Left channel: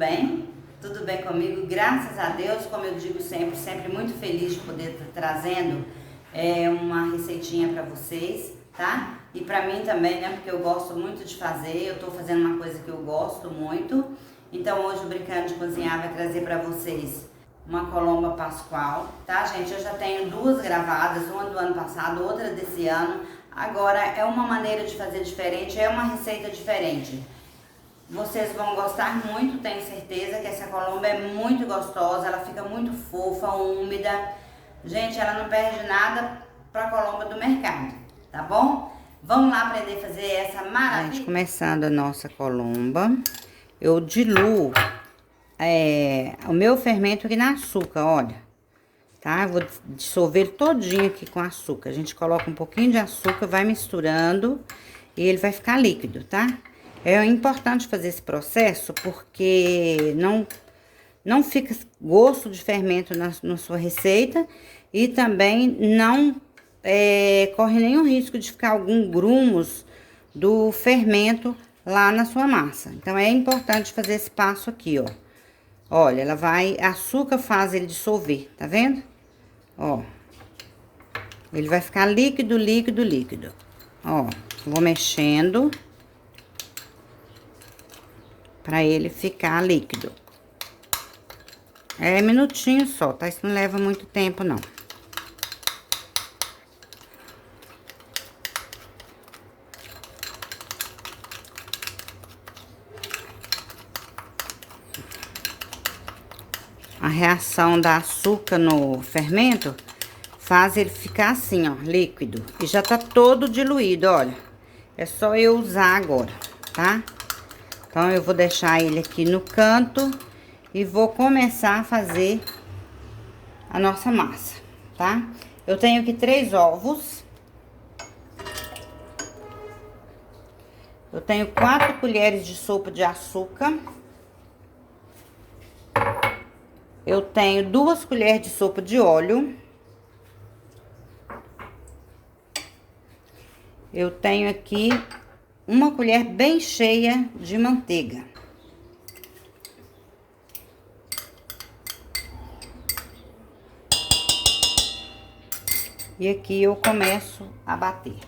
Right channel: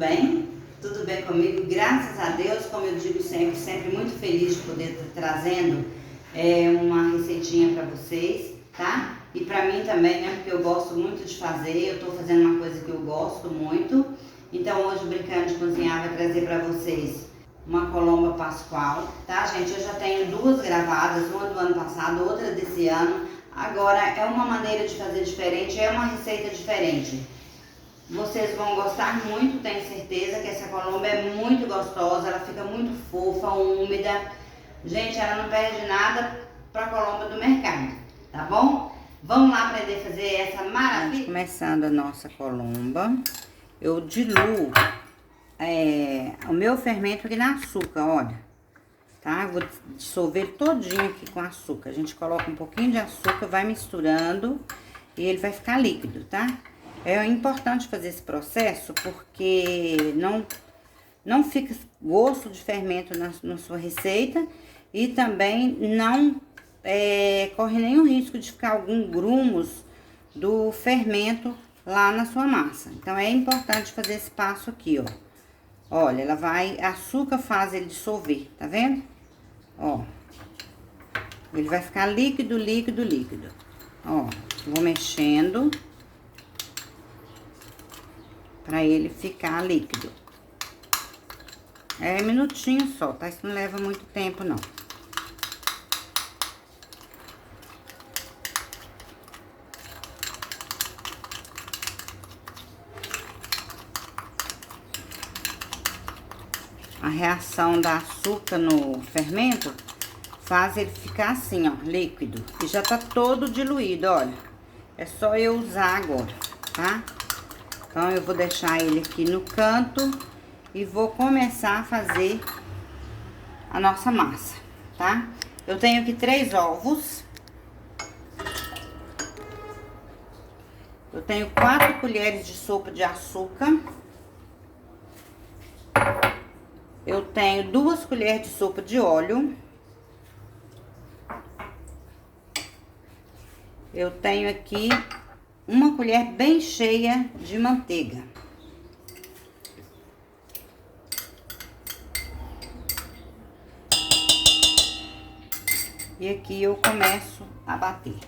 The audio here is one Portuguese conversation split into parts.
bem? Tudo bem comigo? Graças a Deus, como eu digo sempre, sempre muito feliz de poder estar trazendo uma receitinha para vocês, tá? E para mim também, né? Porque eu gosto muito de fazer, eu tô fazendo uma coisa que eu gosto muito. Então hoje o Brincando de Cozinhar vai trazer para vocês uma colomba pascual, tá, gente? Eu já tenho duas gravadas, uma do ano passado, outra desse ano. Agora é uma maneira de fazer diferente, é uma receita diferente. Vocês vão gostar muito, tenho certeza que essa colomba é muito gostosa, ela fica muito fofa, úmida. Gente, ela não perde nada pra colomba do mercado, tá bom? Vamos lá aprender a fazer essa maravilha. Gente, começando a nossa colomba, eu diluo o meu fermento aqui no açúcar, olha. Tá? Eu vou dissolver ele todinho aqui com açúcar. A gente coloca um pouquinho de açúcar, vai misturando e ele vai ficar líquido, tá? É importante fazer esse processo porque não fica gosto de fermento na sua receita e também não corre nenhum risco de ficar algum grumos do fermento lá na sua massa. Então, é importante fazer esse passo aqui, ó. Olha, açúcar faz ele dissolver, tá vendo? Ó, ele vai ficar líquido, líquido, líquido. Ó, vou mexendo pra ele ficar líquido. É minutinho só, tá? Isso não leva muito tempo, não. A reação da açúcar no fermento faz ele ficar assim, ó, líquido. E já tá todo diluído, olha. É só eu usar agora, tá? Então, eu vou deixar ele aqui no canto e vou começar a fazer a nossa massa, tá? Eu tenho aqui 3 ovos. Eu tenho 4 colheres de sopa de açúcar. Eu tenho 2 colheres de sopa de óleo. Eu tenho aqui uma colher bem cheia de manteiga. E aqui eu começo a bater.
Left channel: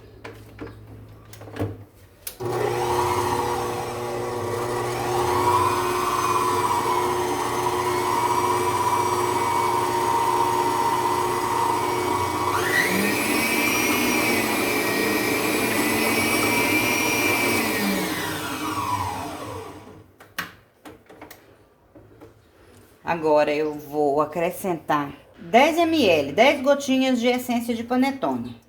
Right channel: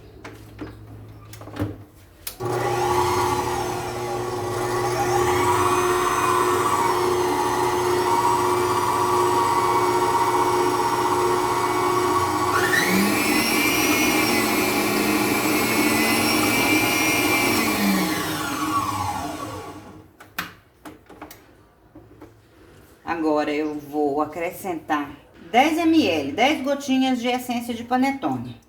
Agora, eu vou acrescentar 10 ml, 10 gotinhas de essência de panetone.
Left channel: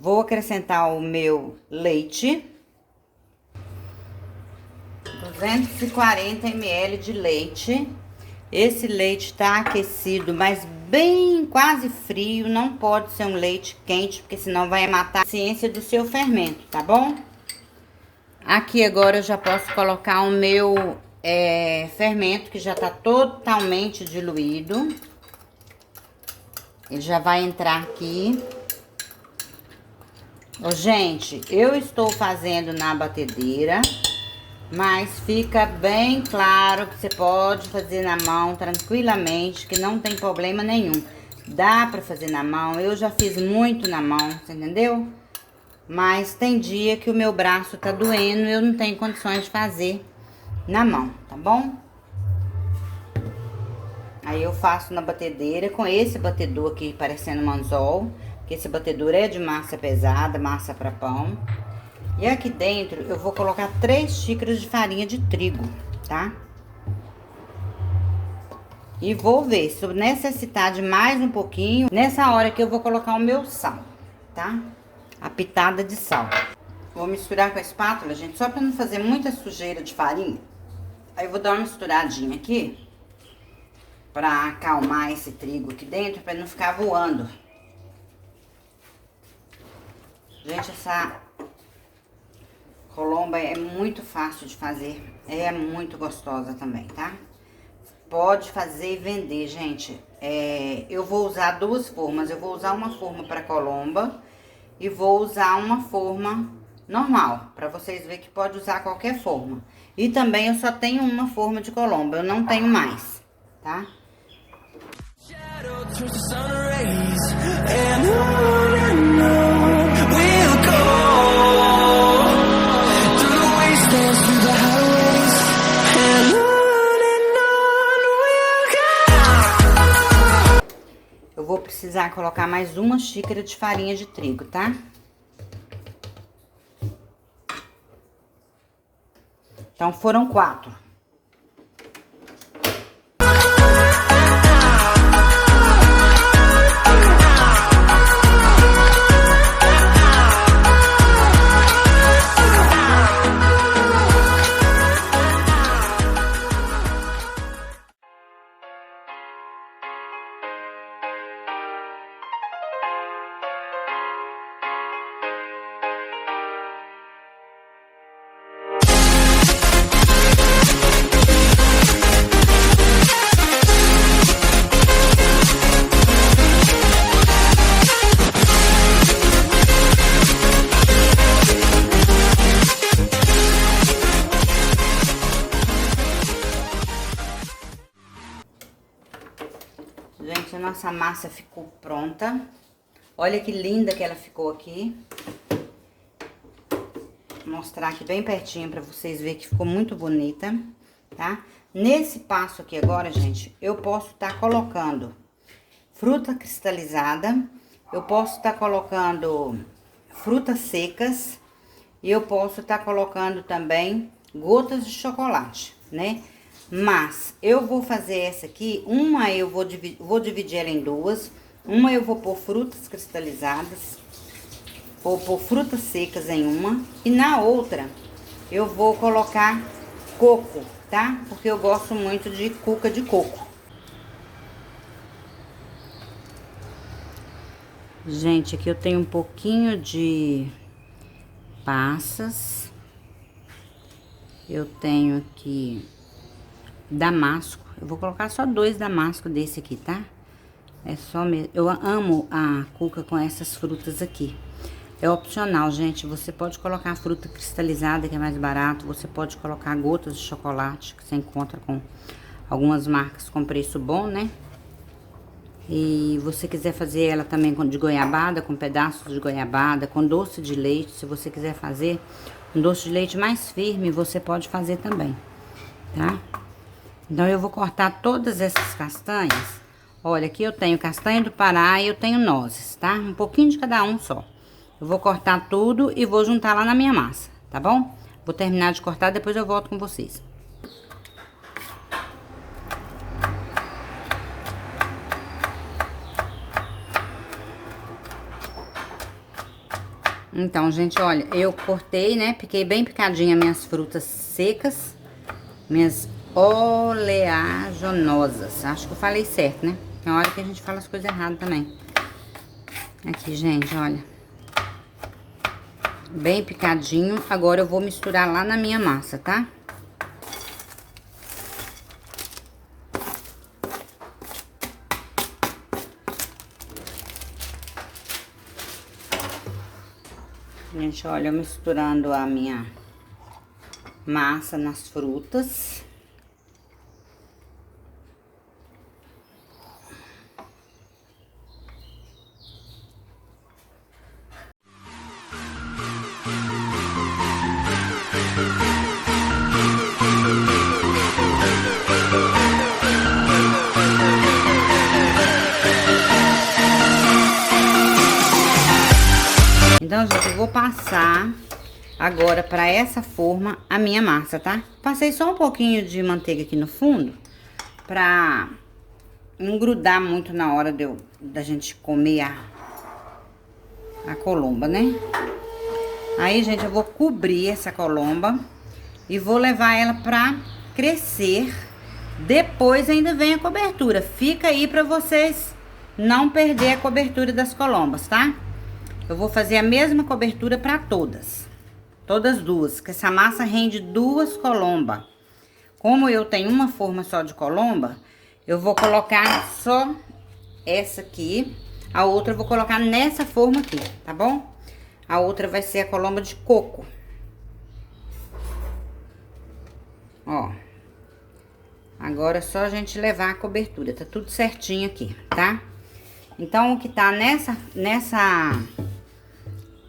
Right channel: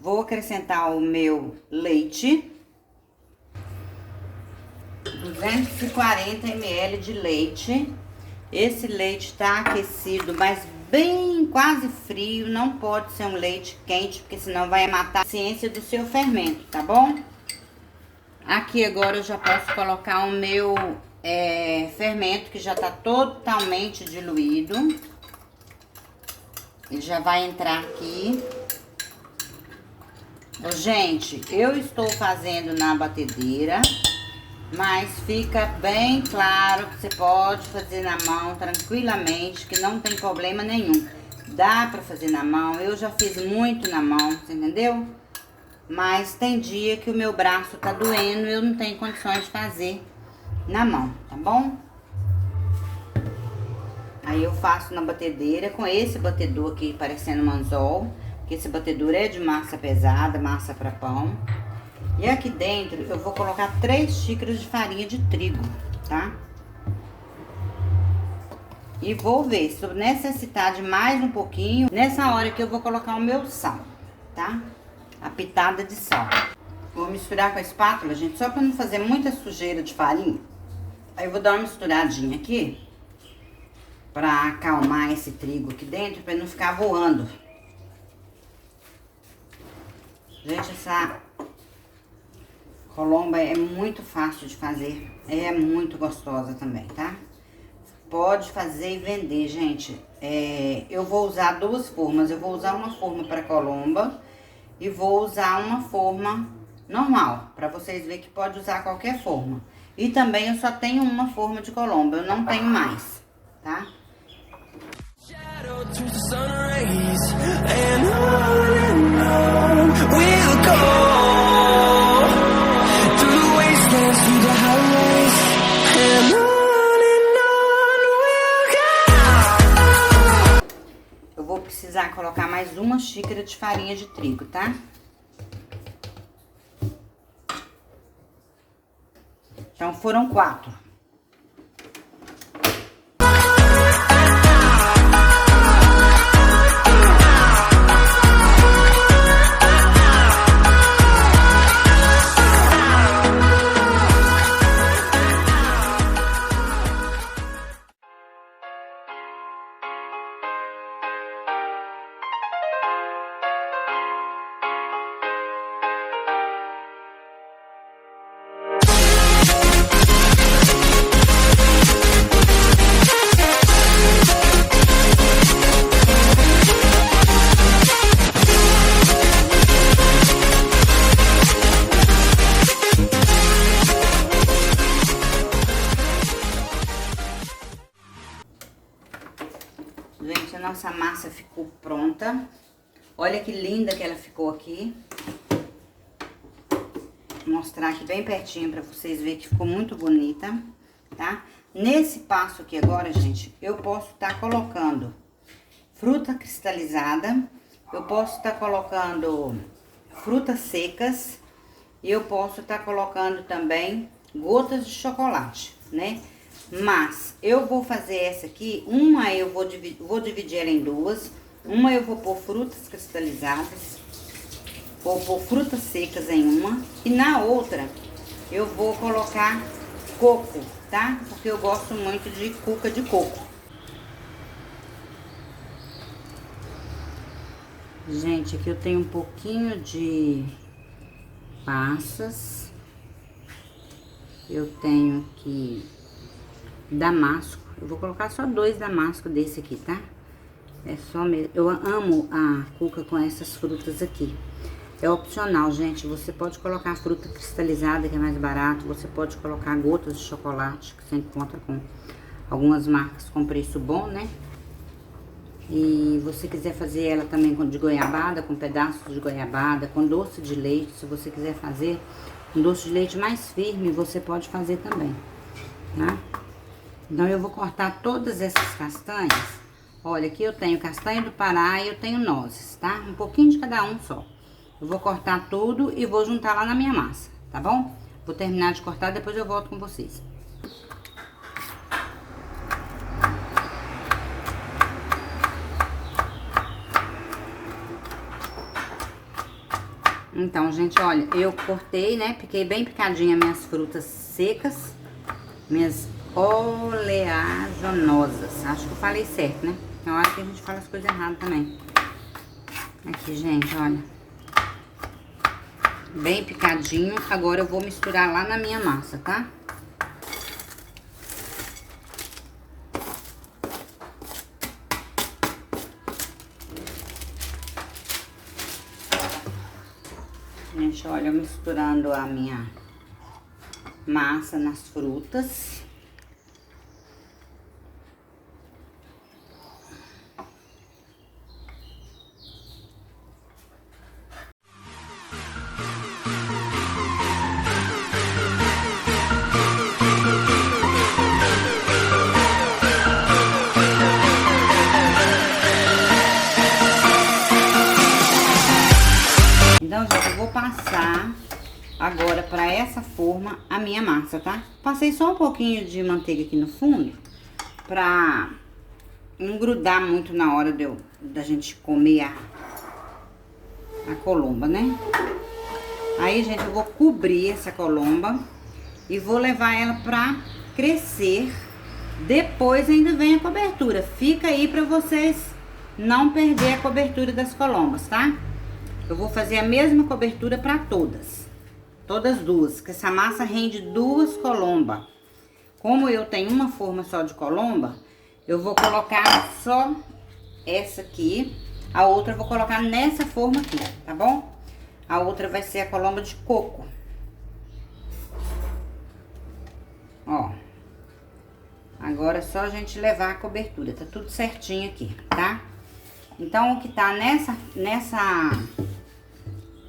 Vou acrescentar o meu leite. 240 ml de leite. Esse leite tá aquecido, mas bem quase frio, não pode ser um leite quente, porque senão vai matar a ciência do seu fermento, tá bom? Aqui agora eu já posso colocar o meu fermento, que já tá totalmente diluído. Ele já vai entrar aqui. Gente, eu estou fazendo na batedeira, mas fica bem claro que você pode fazer na mão tranquilamente, que não tem problema nenhum. Dá pra fazer na mão, eu já fiz muito na mão, você entendeu? Mas tem dia que o meu braço tá doendo e eu não tenho condições de fazer na mão, tá bom? Aí eu faço na batedeira com esse batedor aqui parecendo um anzol, que esse batedor é de massa pesada, massa pra pão. E aqui dentro eu vou colocar 3 xícaras de farinha de trigo, tá? E vou ver se eu necessitar de mais um pouquinho, nessa hora que eu vou colocar o meu sal, tá? A pitada de sal. Vou misturar com a espátula, gente, só pra não fazer muita sujeira de farinha. Aí eu vou dar uma misturadinha aqui, pra acalmar esse trigo aqui dentro, pra não ficar voando. Gente, essa colomba é muito fácil de fazer, é muito gostosa também, tá? Pode fazer e vender, gente. Eu vou usar 2 formas. Eu vou usar uma forma para colomba e vou usar uma forma normal, para vocês verem que pode usar qualquer forma. E também eu só tenho uma forma de colomba, eu não tenho mais, tá? Eu vou precisar colocar mais uma xícara de farinha de trigo, tá? Então, foram 4. Gente, a nossa massa ficou pronta. Olha que linda que ela ficou aqui. Vou mostrar aqui bem pertinho pra vocês verem que ficou muito bonita, tá? Nesse passo aqui agora, gente, eu posso estar colocando fruta cristalizada, eu posso estar colocando frutas secas e eu posso estar colocando também gotas de chocolate, né? Mas eu vou fazer essa aqui, uma eu vou dividir ela em duas. Uma eu vou pôr frutas cristalizadas, vou pôr frutas secas em uma. E na outra eu vou colocar coco, tá? Porque eu gosto muito de cuca de coco. Gente, aqui eu tenho um pouquinho de passas. Eu tenho aqui damasco. Eu vou colocar só 2 damascos desse aqui, tá? É só mesmo. Eu amo a cuca com essas frutas aqui. É opcional, gente. Você pode colocar fruta cristalizada, que é mais barato. Você pode colocar gotas de chocolate, que você encontra com algumas marcas com preço bom, né? E você quiser fazer ela também de goiabada, com pedaços de goiabada, com doce de leite. Se você quiser fazer um doce de leite mais firme, você pode fazer também, tá? Então, eu vou cortar todas essas castanhas. Olha, aqui eu tenho castanha do Pará e eu tenho nozes, tá? Um pouquinho de cada um só. Eu vou cortar tudo e vou juntar lá na minha massa, tá bom? Vou terminar de cortar, depois eu volto com vocês. Então, gente, olha, eu cortei, né? Piquei bem picadinha minhas frutas secas, minhas oleaginosas. Acho que eu falei certo, né? Tem hora que a gente fala as coisas erradas também. Aqui, gente, olha. Bem picadinho. Agora eu vou misturar lá na minha massa, tá? Gente, olha, eu misturando a minha massa nas frutas. Então, gente, eu vou passar agora pra essa forma a minha massa, tá? Passei só um pouquinho de manteiga aqui no fundo pra não grudar muito na hora da gente comer a colomba, né? Aí, gente, eu vou cobrir essa colomba e vou levar ela pra crescer. Depois ainda vem a cobertura. Fica aí pra vocês não perder a cobertura das colombas, tá? Eu vou fazer a mesma cobertura pra todas. Todas duas, que essa massa rende 2 colombas. Como eu tenho uma forma só de colomba, eu vou colocar só essa aqui. A outra eu vou colocar nessa forma aqui, tá bom? a outra vai ser a colomba de coco. Ó. Agora é só a gente levar a cobertura, tá tudo certinho aqui, tá? Então, o que tá nessa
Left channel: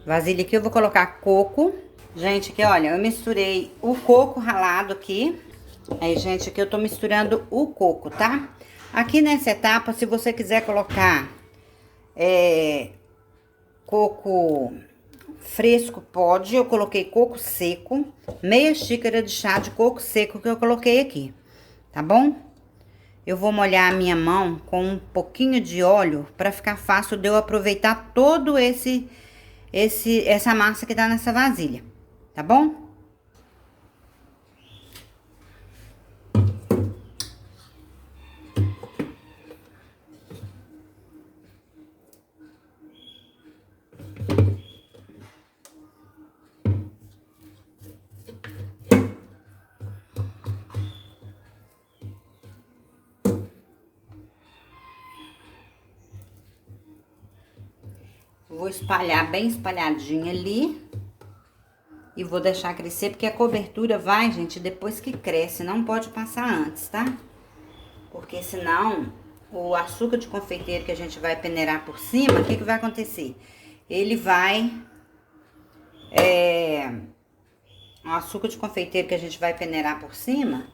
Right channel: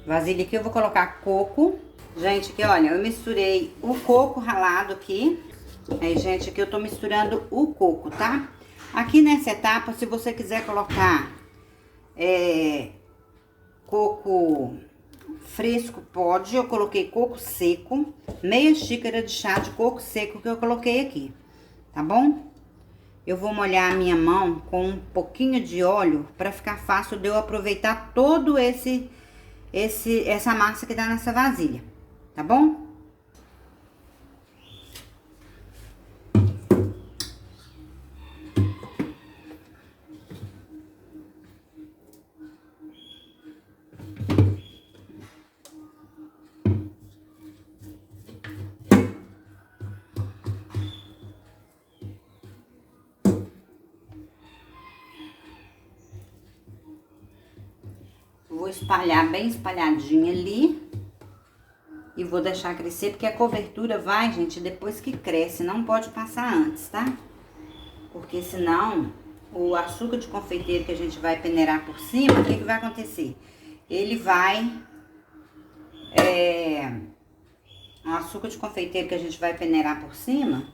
vasilha aqui, eu vou colocar coco. Gente, aqui, olha, eu misturei o coco ralado aqui. Aí, gente, aqui eu tô misturando o coco, tá? Aqui nessa etapa, se você quiser colocar coco fresco, pode. Eu coloquei coco seco, meia xícara de chá de coco seco que eu coloquei aqui, tá bom? Eu vou molhar a minha mão com um pouquinho de óleo pra ficar fácil de eu aproveitar todo essa massa que tá nessa vasilha, tá bom? Vou espalhar bem espalhadinho ali. E vou deixar crescer, porque a cobertura vai, gente, depois que cresce. Não pode passar antes, tá? Porque senão, o açúcar de confeiteiro que a gente vai peneirar por cima, o que vai acontecer? Ele vai... o açúcar de confeiteiro que a gente vai peneirar por cima,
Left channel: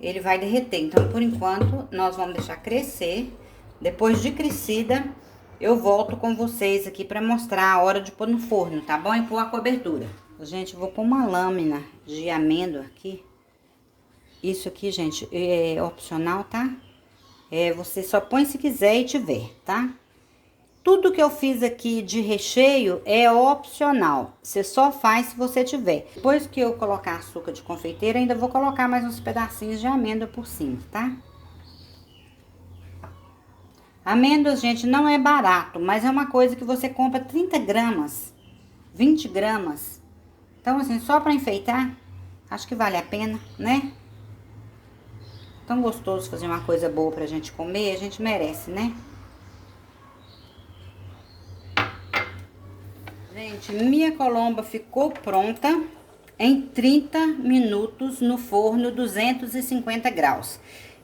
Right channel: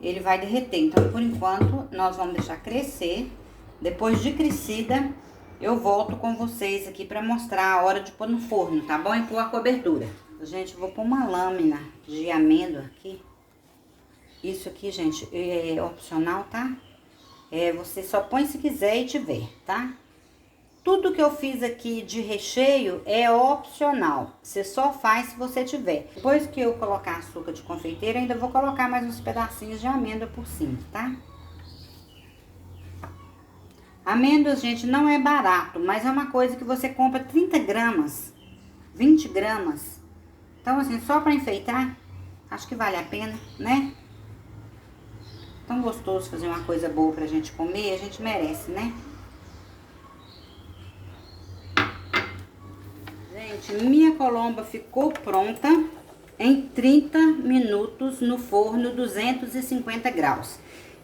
ele vai derreter. Então, por enquanto, nós vamos deixar crescer. Depois de crescida, eu volto com vocês aqui pra mostrar a hora de pôr no forno, tá bom? E pôr a cobertura. Gente, vou pôr uma lâmina de amêndoa aqui. Isso aqui, gente, é opcional, tá? Você só põe se quiser e tiver, tá? Tudo que eu fiz aqui de recheio é opcional. Você só faz se você tiver. Depois que eu colocar açúcar de confeiteiro, ainda vou colocar mais uns pedacinhos de amêndoa por cima, tá? Amêndoas, gente, não é barato, mas é uma coisa que você compra 30 gramas, 20 gramas. Então, assim, só pra enfeitar, acho que vale a pena, né? Tão gostoso fazer uma coisa boa pra gente comer, a gente merece, né? Gente, minha colomba ficou pronta em 30 minutos no forno 250 graus.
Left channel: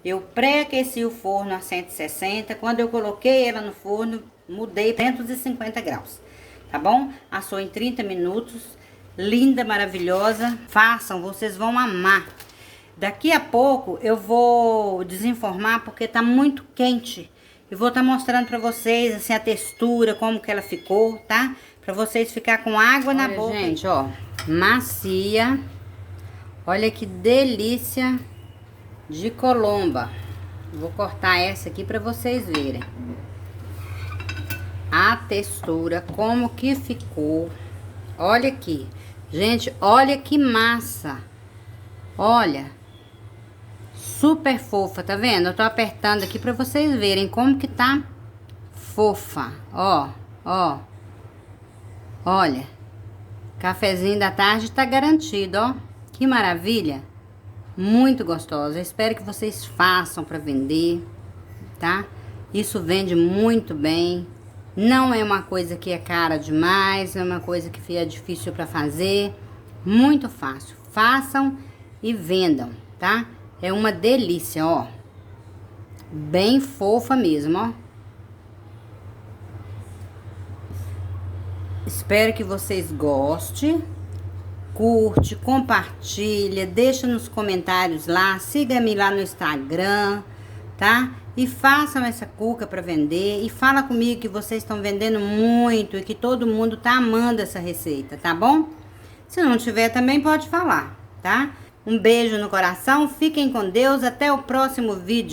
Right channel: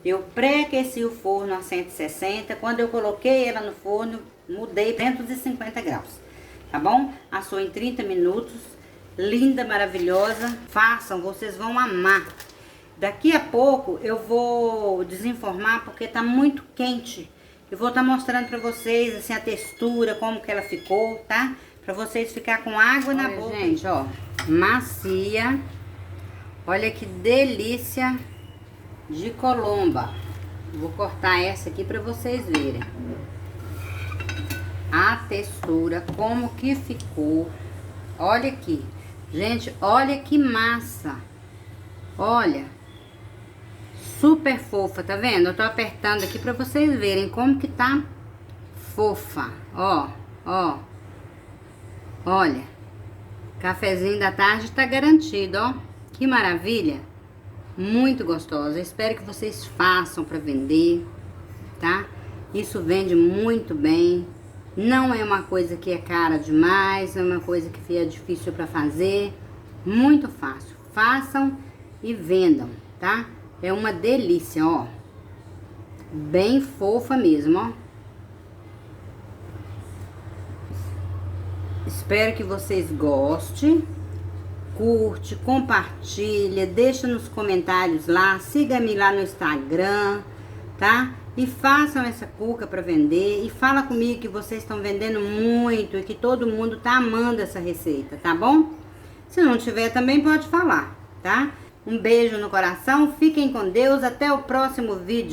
Eu pré-aqueci o forno a 160, quando eu coloquei ela no forno, mudei para 250 graus, tá bom? Assou em 30 minutos, linda, maravilhosa. Façam, vocês vão amar. Daqui a pouco eu vou desenformar porque tá muito quente. Eu vou estar mostrando pra vocês, assim, a textura, como que ela ficou, tá? Pra vocês ficar com água na boca. Gente, ó, macia. Olha que delícia de colomba. Vou cortar essa aqui pra vocês verem. A textura, como que ficou. Olha aqui. Gente, olha que massa. Olha. Super fofa, tá vendo? Eu tô apertando aqui pra vocês verem como que tá fofa. Ó, ó. Olha. Cafezinho da tarde tá garantido, ó. Que maravilha. Muito gostosa. Eu espero que vocês façam pra vender, tá? Isso vende muito bem. Não é uma coisa que é cara demais, é uma coisa que é difícil pra fazer. Muito fácil. Façam e vendam, tá? É uma delícia, ó. Bem fofa mesmo, ó. Espero que vocês gostem. Curte, compartilha, deixa nos comentários lá. Siga-me lá no Instagram, tá? E façam essa cuca para vender. E fala comigo que vocês estão vendendo muito e que todo mundo tá amando essa receita, tá bom? Se não tiver, também pode falar, tá? Um beijo no coração, fiquem com Deus, até o próximo vídeo.